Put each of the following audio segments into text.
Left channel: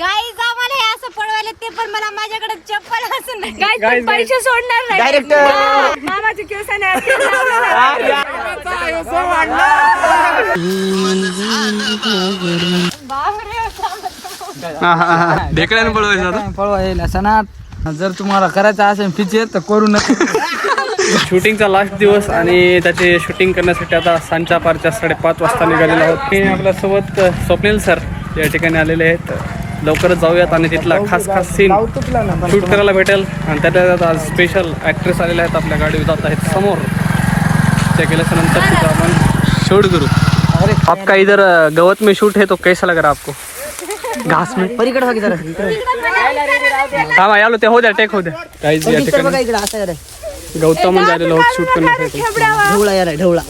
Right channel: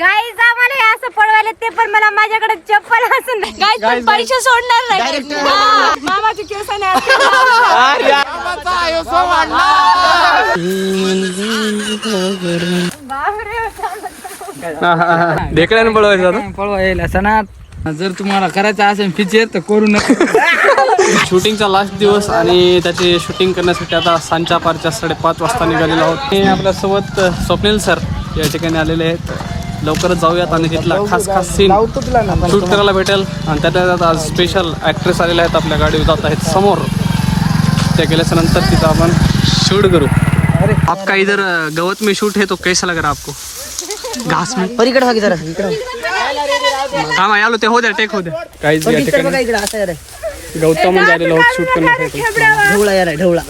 Guys आम्हाला हे असं पळवायला ते पण मला माझ्याकडे चप्पल असून गाईज पैसे सोडणार नाही डायरेक्ट मामाची केसाने ढेकळ्याने पळवायचं पळवायला सणात जर तुम्हाला करायचं असेल फीचर तर करू नका. शूटिंगचा लास्ट दिवस आणि त्याचे शूटिंग करण्यासाठी आता सांच्या पारच्या 5:30 वाजता निघालेलो आहोत. मी आपल्यासोबत स्वप्नील सर या ठिकाणी आलेले आहेत. लवकरच जाऊयात आणि तिथला खास सीन शूट करायला भेटेल. आणि त्यात आज स्पेशल ॲक्ट्रेस आलेले आहेत, आपल्या गाडीवर जात आहेत समोर. ते गेल्यानंतर तिथं आपण शूट करू. आपका इधर गवत में शूट है तो कैसा लग रहा आपको? घास में हाँ यालो ते हो द्या टेक हो द्या. काहीच या ठिकाणी गौतम म्हणजे आलेलो आहोत शूट करण्यासाठी. ढवळा यार ढवळा.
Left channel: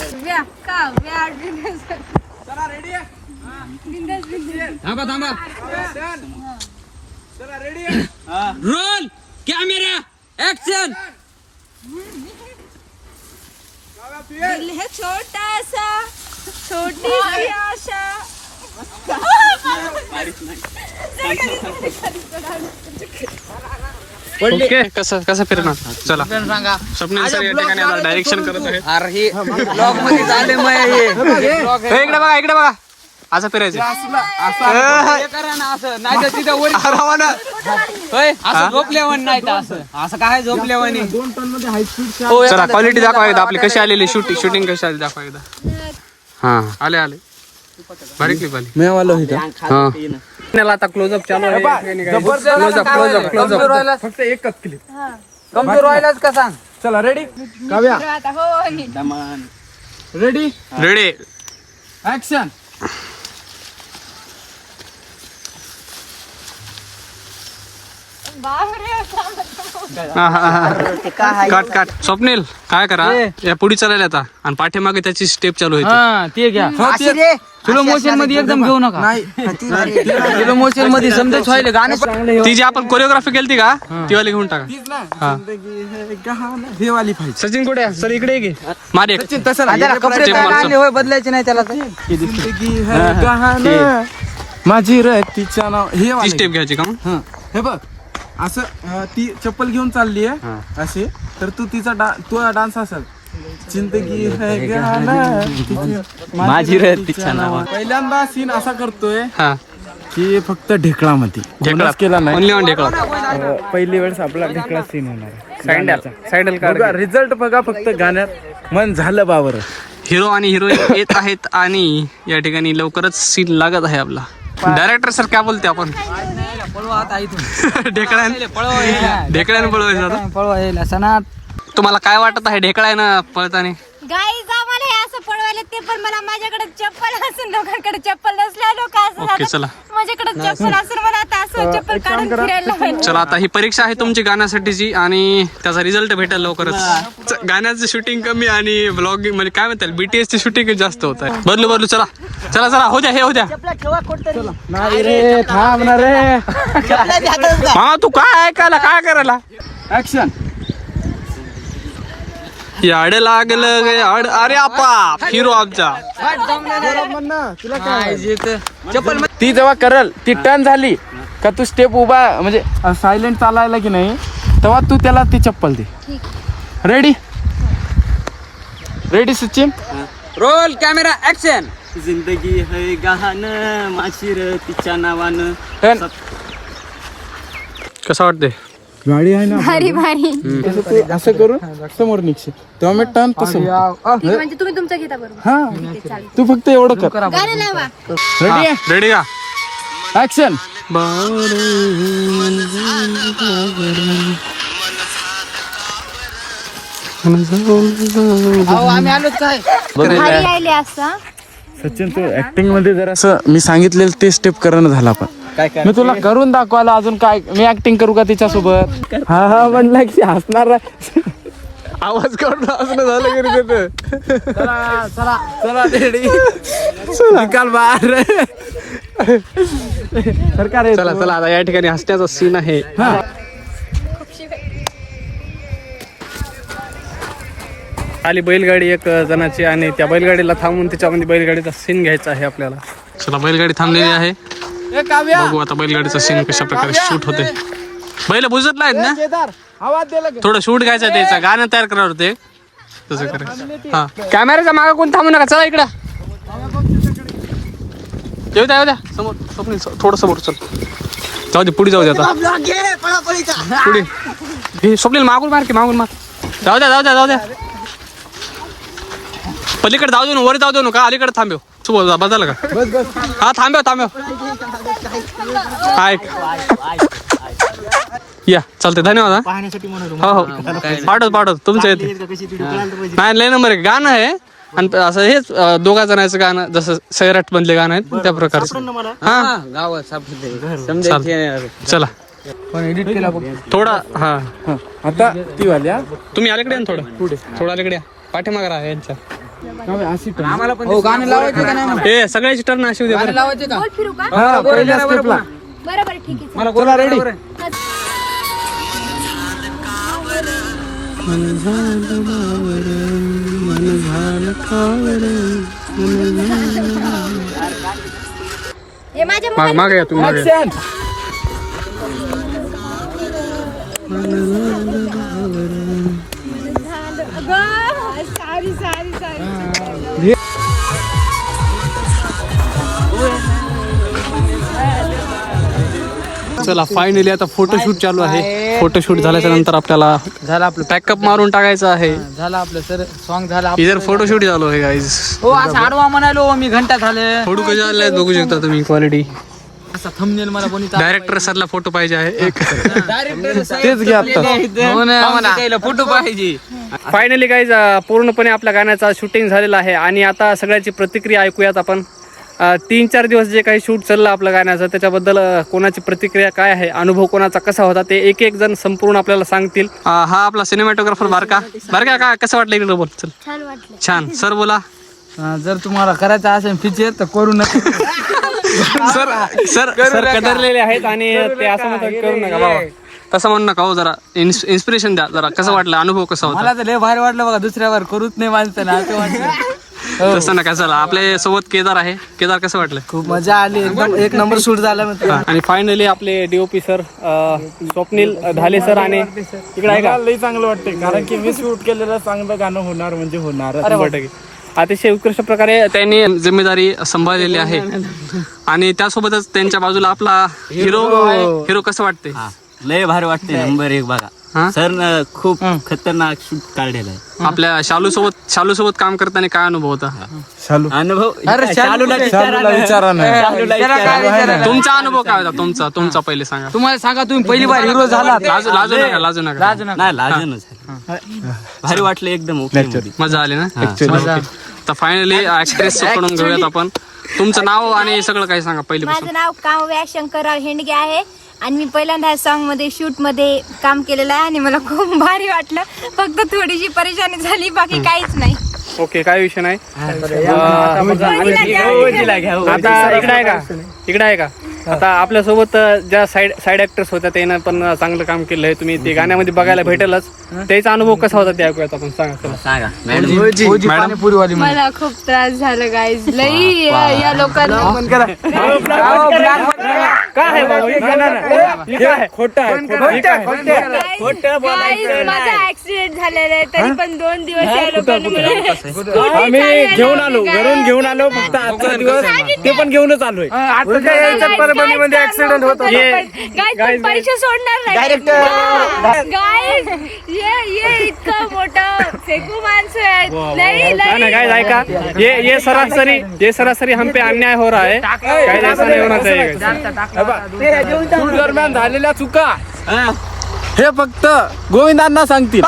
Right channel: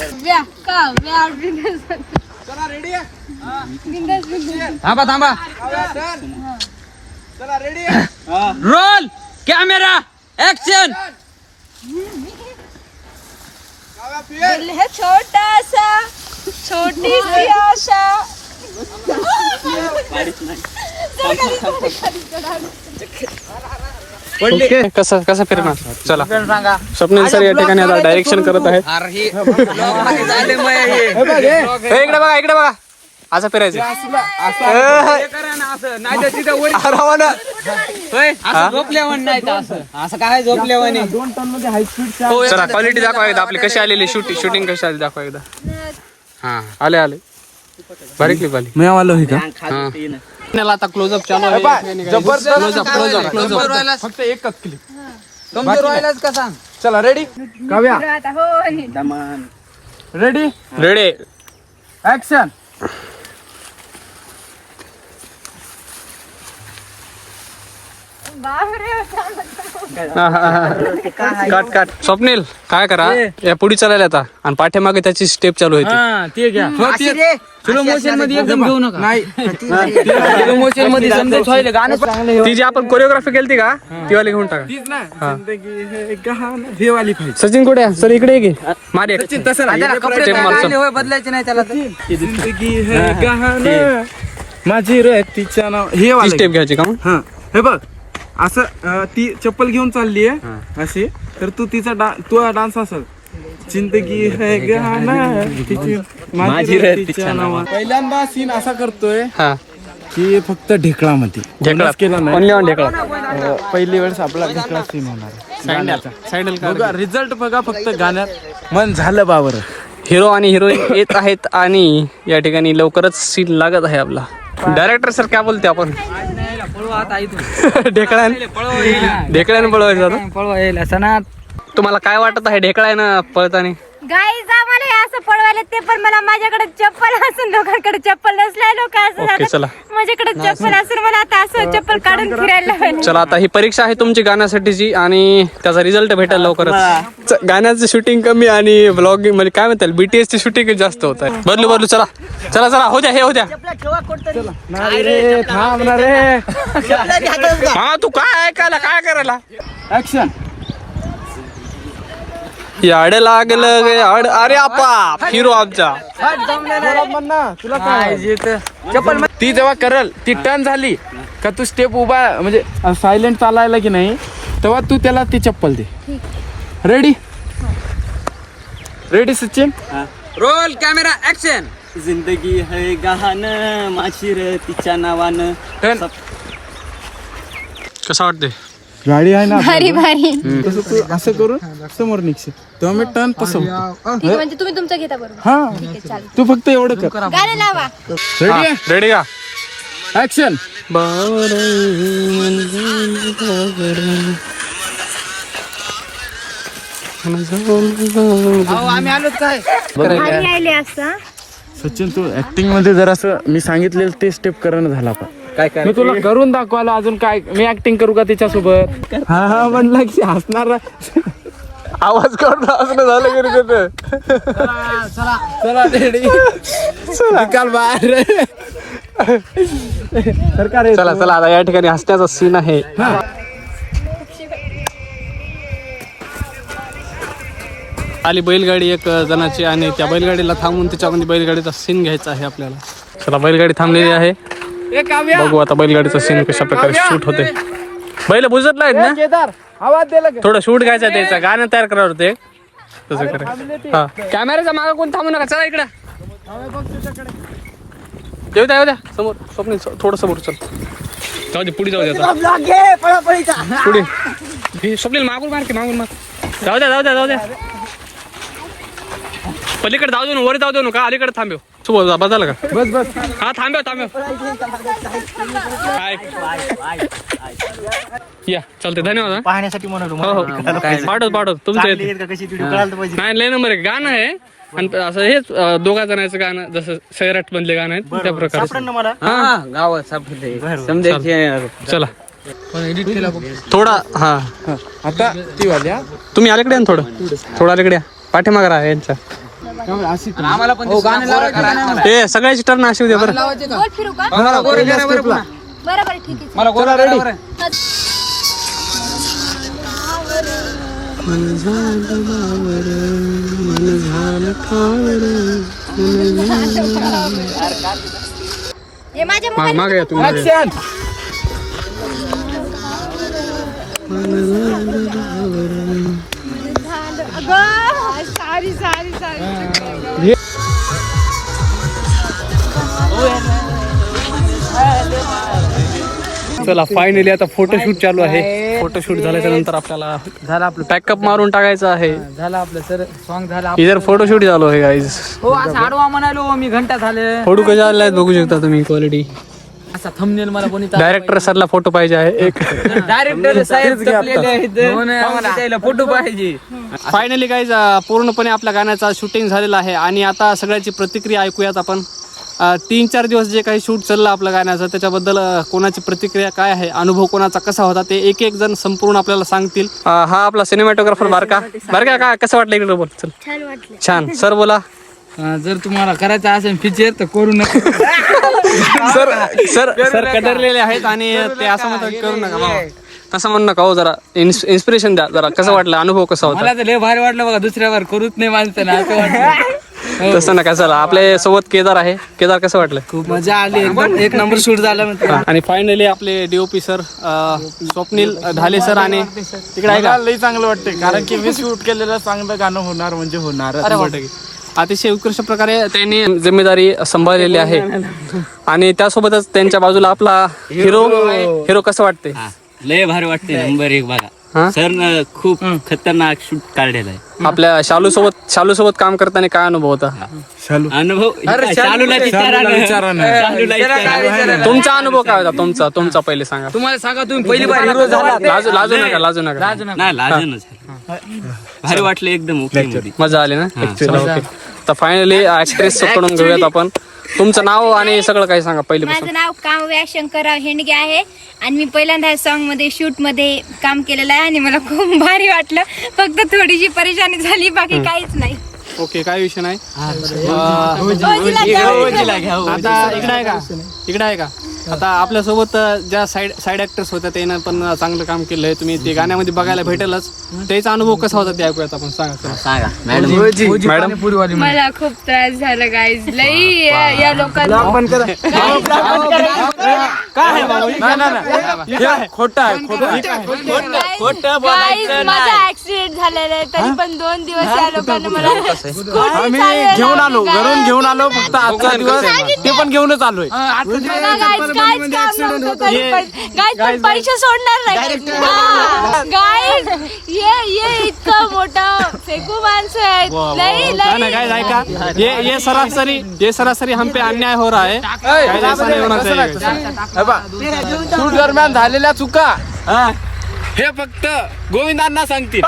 थांबा थांबा. Role camera action. छोटासा छोटी आशा ओके. कसं फिरणार चला. स्वप्नील सर या ठिकाणी आता डायरेक्शन करत आहेत. इकडे बघा असं फिरायचं. असं काय झोपल्यावर नाही. चला क्वालिटी दाखवा एकदा आपली कशी आलेली शूटिंग कशी आली दाखवा एकदा. हा आले भारी क्लिप आली. मी आलो हा आता क्लोजअप चालू आहे. क्लोजअप फक्त एकच क्लिप का सांग. चला ready ready action. Cut. Swapnil काय करा या पुढे चालायला आता आणि पाठीमागे त्याची स्टेप चालू आहे. ते घ्या स्लो मोशन मध्ये एकदम घेऊ नका. नाही स्लो मोशन मध्ये समजा व्हायला गाणं. ती जी आपण कोरिओग्राफी केली का ती वाली घेऊन टाका. सचिन कुठे सर इकडे घे मारे बदलायचे नाही त्याला. माझी तिच्या नाव हे स्टेप घ्यायची का मग. हा हे बघ असं ती चप्पल घेऊन चालली आहे अशी. तर तू तिचा तू डान्स असेल जिंदगी है गाना माझी तिच्या नावा. पहिल्यांदा सीन असा करतोय की फक्त ढेकळा मध्ये ढेकळा केला नाही. ओनली ऑन ढेकळा. पहिली वेळेस आपला ढेकळा सीन होणार आहे. सायडल बघा रिझल्ट बघा फक्त गाण्यात मन झालं बाबर. हिरो आणि हिरोईन येत आहेत आणि या ठिकाणी लवकरच सीन लागत आहे आपला. डायरेक्टर सर काय बोलते आपण ढेकळ्याने पळवायचं आता. पळवायला सणात. तुम्हाला काय वाटत आहे ढेकळ्यानं पळताना? गाईज आम्हाला हे असं पळवायला ते पण मला माझ्याकडे चप्पल असून लोकांकडे चप्पल नसल्या लोक ओके असं चला माझ्याकडे चप्पल असून मला आता असं चप्पल काढून फिरायला लावायला. चला आता ही परीक्षा आहे तुमची गाण्यासाठीची आणि त्याचा रिझल्ट भेटेल लवकरच. गाण्याचं शूटिंग कमी आणि ब्लॉगिंग म्हणजे काय म्हणतात बीटीएस ची शूटिंग जास्त होत आहे. बदलू चला हो द्या हे हो द्या. हा तू काय ऐकायला काय करायला. ऍक्शन. याड लागलं गे याड. अरे आपा हिरो आमचा. तुला काय ती जेव्हा करल ती टर्न झाली का तू स्टेप उभा म्हणजे सायलेंट चालायला की नाही तेव्हा तू त्याला ती चप्पल दे. Ready Sachin. Roll camera action. जिंदगी है गहान माझी तिच्या नावानं. कसं वाटते गाडी आहे ना भारी भारी. तसं तू असं करून समोर निघशील तेव्हा मी टर्न तसं. म्हणजे तुम्ही तुमचं घेता बरोबर. हा तू फक्त एवढं कर. गाणं लावा. रेडी का ऍक्शन. भारी आले असं. सचिन तू ऍक्टिंग मध्ये जर असं मी सांगितलेलं ते स्टेप करणं झाला. पण मी तुला करून दाखवायला अजून काय मी ऍक्टिंग करू का तिच्यासोबत. हा म्हणलं की हसणार आवाज करून असं झालं चला रेडी निकाल बाहेर. चला आता या ठिकाणी हसण्याचा सीन आहे. आली बैलगाडी एक जणाची आणि त्या बैलगाडीला थांबून त्याच्यामध्ये बैलगाडीचा सीन घ्यायचा आहे आपल्याला. चला बैलगाडी थांबलेली आहे बघू आता बैलगाडीचा सीन कशा प्रकारे शूट होते. बैल बुजत नाहीत ना, थोडं शूट घ्यायचं त्याचा, गाणं तयार करावं होते तसं करायचं. हा कॅमेऱ्याच्या मागे कोण थांबू नका, चला इकडं येऊ द्या समोर. स्वप्नील थोडं समोर चल, जाऊ दे पुढे जाऊ दे आता पुढे. हे स्वप्नील मागून मार जाऊ द्या पलीकडे जाऊ दे ना, वर जाऊ दे ना का अलीकडे थांबव. सुबह बदल का, हा थांबव या चालते. धन्यवाद. पाहण्यासाठी म्हणून हो पाठवतो तुमचं नाही लय नंबर आहे. गाणं आहे आणि असं हेच दोघा जणांचं गाणं, जसं सैराट मधले गाणं आहेत त्या प्रकारचं. हा चला थोडा. हा तुम्ही अलीकडे या थोडं अलीकडे या, पाठीमागे राहा यांच्या. ते सगळ्याची टर्न अशी उद्या बरं. बरोबर ठीक आहे. मला रेडी. मन झालं बावर, मन झालं कावर, हे माझ्या मागे या तुम्ही मागे. चला फायनली आता फोटोशूट चालू आहे. फोटोशूट झाल्याच्या नंतर आपल्याला झालं आपलं पॅकअप मारून टाकायचं आहे. झालं आपलं सर सॉन्ग झालं. इधर फोटोशूट चालू आहे गाईज. हो असं आडवा म्हणालो मी, घंटा झाले. फोटो कशा आलाय बघू शकता तुम्ही, क्वालिटी. असा थंबनेल मला कोणी डायरेक्टर सरला फोटो पाहिजे आहे एक. डायरेक्टर साहेब फोटो पाहिजे. फायनली गाईज पूर्णपणे आपल्या गाण्याचा शूटिंग झालेला आहे आणि आता सगळ्याची प्रतिक्रिया ऐकूयात आपण. 3-4 दिवस जे काही शूट चाललं आपल्या गाण्याचं, त्याच्याबद्दल कोणाची प्रतिक्रिया काय आहे, अनुभव कोणाचा कसा होता, ते एक एक जण संपूर्ण आपल्याला सांगतील. हा आपला सिनेमॅटोग्राफर बारका काय कसं वाटलं इकडे बोल. चल छान वाटलं. छान. सर बोला. जर तुम्हाला करायचं असेल फीचर तर करू नका. सर कदरलेले आहेत आणि ते असं म्हणतात करू नका बाबा, तसं म्हणू नका हो. जरा इन्स्पिरेशन द्या जरा. कसं वाटलं, अनुभव कसा होता? मला तर लय भारी वाटलं बघा, दुसऱ्यावर करूच नाही माणसानं असं वाटलं. तसं नका. चला आपल्या सोबत केदार आहे. केदार कसं वाटलं? खूप मजा आली, एकदम एक नंबर शूट झालं. आणि फायनली आपले DOP sir Swapnil Dhale sir आणि तिकडे आहे का, लई चांगलं वाटतंय कारण की मी शूट केलेलं चांगलं गाणं होणार म्हणजे होणार. अतिशय उत्कृष्ट प्रकारे त्यांनी जिम्मेदारी सांभाळलेली आहे. आणि त्यासोबतच त्यांच्या बाजूला आपला हिरो कसं वाटते? लय भारी वाटते. नंबर 1 बघा. सर खूप खतरनाक शूट काढलेला आहे. आपल्या शालू सोबत काम करताना काय अनुभव होता? अनुभव तुमचा अनुभव काय होता? तुमचा पहिले सांगा. तुम्हाला सांगा, तुम्ही पहिली बार हिरो झाला. लाजू नका. नाही लाजूनच भारी वाटलं एकदम. ओके मजा आली ना. चला ओके. तर फायनली ऍक्ट्रेस कडून घेऊयात आपण. तुमचं नाव आणि सगळं काही सांगा पहिले. माझं नाव काव्या शंकरराव हेंडगे आहे आणि मी पहिल्यांदा सॉन्ग मध्ये शूट मध्ये काम केलेलं आहे आणि मला खूप भारी वाटलं. फक्त थोडीशी परेशानी झाली, बाकी काहीच नाही. ओके, काय विषय नाही. आता इकडे आहे का आता आपल्यासोबत ज्या साईड ऍक्टर्स होत्या त्यानं पण चांगलं काम केलं आहे. तुम्ही ते गाण्यामध्ये बघायला भेटेलच. त्याचा अनुभव कसा होता ते ऐकूयात आपण. सांगा मॅडम. मला खूप त्रास झाला गाईज, लई या लोकांना. काय माझा ऍक्सिडेंट झालेला आहे तरी पण 2 दिवस या लोकांनी मला आम्ही घेऊन आलो, घरून घेऊन आलो. फक्त आजचा दिवस ते पण घेऊनच आलोय. परभणीमध्ये ऍक्सिडेंट होतो. पैसे सोडणार गाईज. ये इतकं मोठं फेकू माणसं आहेत. नाही गाइस ऐका, ये सरासरी हम पे अन्याय हो रहा है. गाइस ऐसा नहीं होना चाहिए. शूट दरम्यान झालेल्या चुका हे फक्त गोविंदांना सांगतील.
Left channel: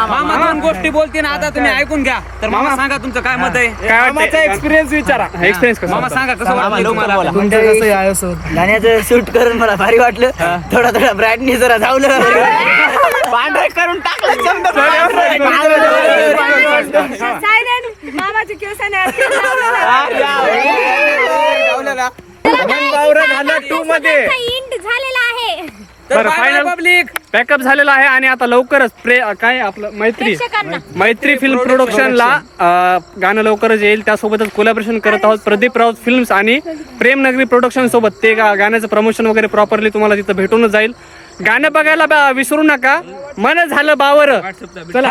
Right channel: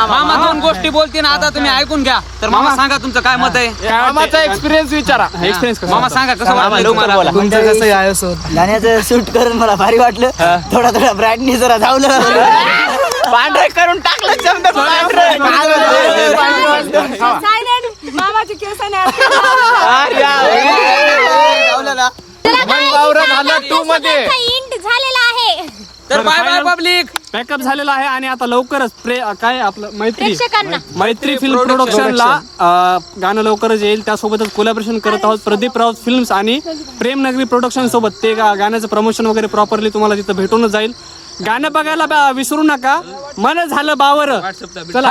मामा 2 गोष्टी बोलते ना, आता तुम्ही ऐकून घ्या. तर मामा सांगा तुमचं काय मत आहे. मामाचा एक्सपिरियन्स विचारा. एक्सपिरियन्स कसा मामा होता? सांगा कसं वाटलं तुम्हाला. गाण्याचं शूट करून मला भारी वाटलं. थोडा ब्रँडनी जरा धावलं, पांढरे करून टाकलं. मामाची केसाने झाला 2 मध्ये झालेला आहे. बरं फायनल पॅकअप झालेला आहे आणि आता लवकरच काय आपलं मैत्री फिल्म प्रोडक्शनला गाणं लवकरच येईल. त्यासोबतच कोलॅबरेशन करत आहोत प्रदीप राऊत फिल्म्स आणि प्रेमनगरी प्रोडक्शन सोबत. ते गाण्याचं प्रमोशन वगैरे प्रॉपरली तुम्हाला तिथं भेटूनच जाईल. गाणं बघायला विसरू नका. मन झालं बावर. चला